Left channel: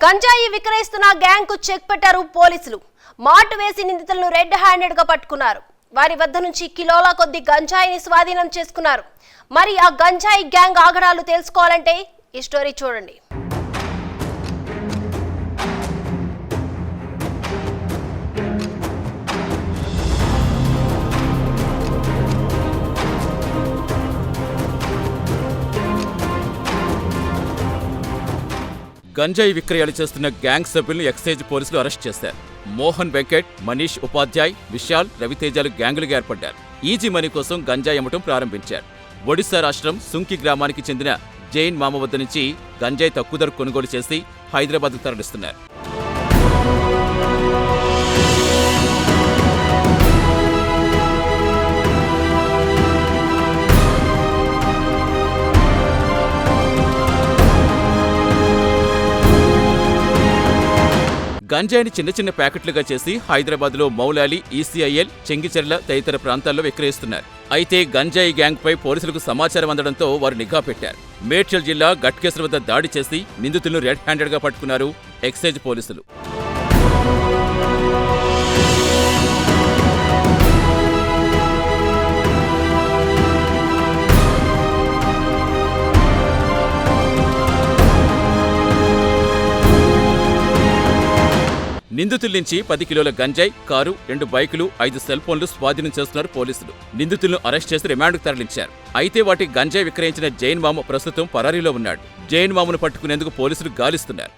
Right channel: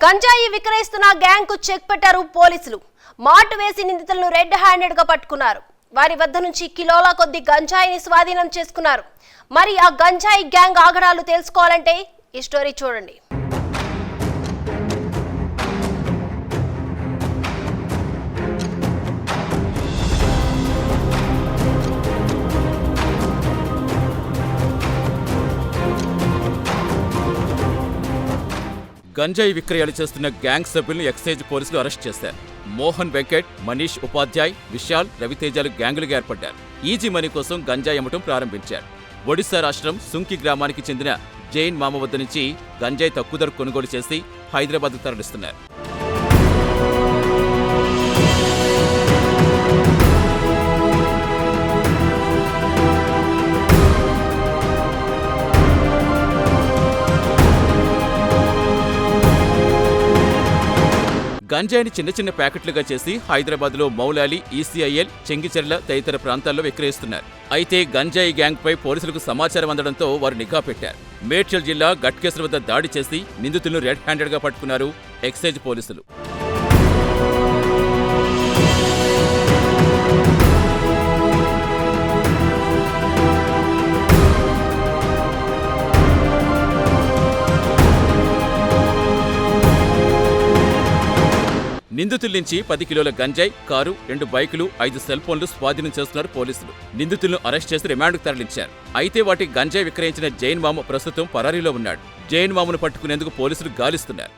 గంజాయి విక్రయిస్తున్న గ్యాంగ్ కు చెక్ పెట్టారు పోలీసులు. మాటు వేసి నిందితులను రెడ్ హ్యాండెడ్ గా పట్టుకున్నారు. వారి వద్ద నుంచి కిలోల కొద్ది గంజాయిని స్వాధీనం చేసుకున్నారు. మరి ఆ గంజాయి గ్యాంగ్ ఆగడాలు తెలుసుకోవాలంటే ఈ స్టోరీ చూడండి. గంజాయి విక్రయాలు చేస్తున్న గ్యాంగ్ సభ్యులను ఎక్సైజ్ పోలీసులు అరెస్ట్ చేశారు. మోహన్ వెంకట్, మనీష్ ఉపాధ్యాయ్, విశాల్, రవితేజాలు గ్యాంగులుగా ఏర్పడ్డారు. ఈజీ మనీ కోసం గంజాయి అమ్మటం ప్రారంభించారు. ఒడిశా రాష్ట్రం సుంకి గ్రామానికి చెందిన జైన్ మామ వద్ద నుంచి గంజాయి తక్కువ ధర కొనుగోలు చేసి హైదరాబాద్కు తరలిస్తున్నారు. గంజాయిని చిన్న చిన్న ప్యాకెట్లుగా చేసి హైదరాబాద్లో మౌలాలి, ఈసీఐఎల్, చెంగిచెర్ల తదితర ప్రాంతాల్లో విక్రయిస్తున్నారు. అయితే గంజాయి గ్యాంగ్పై పోలీసులకు సమాచారం అందడంతో వారు నిఘా పెట్టారు. మేడ్చల్ జిల్లా గట్కేసర్ వద్ద దాడి చేసి నిందితులను రెడ్ హ్యాండెడ్గా పట్టుకున్నారు ఎక్సైజ్ పోలీసులు. నిందితుల నుంచి 10 కిలోల గంజాయి, కారు, 2 బైకులు, 5 సెల్ ఫోన్లు స్వాధీనం చేస్తున్నారు పోలీసులు. నిందితులను అరెస్ట్ చేసి రిమాండ్కు తరలించారు. అయితే వాటి గంజాయి విక్రయించిన జైన్ మామ ప్రస్తుతం పరారీలో ఉన్నాడు. జైన్ మామను పట్టుకునేందుకు పోలీసులు గాలిస్తున్నారు.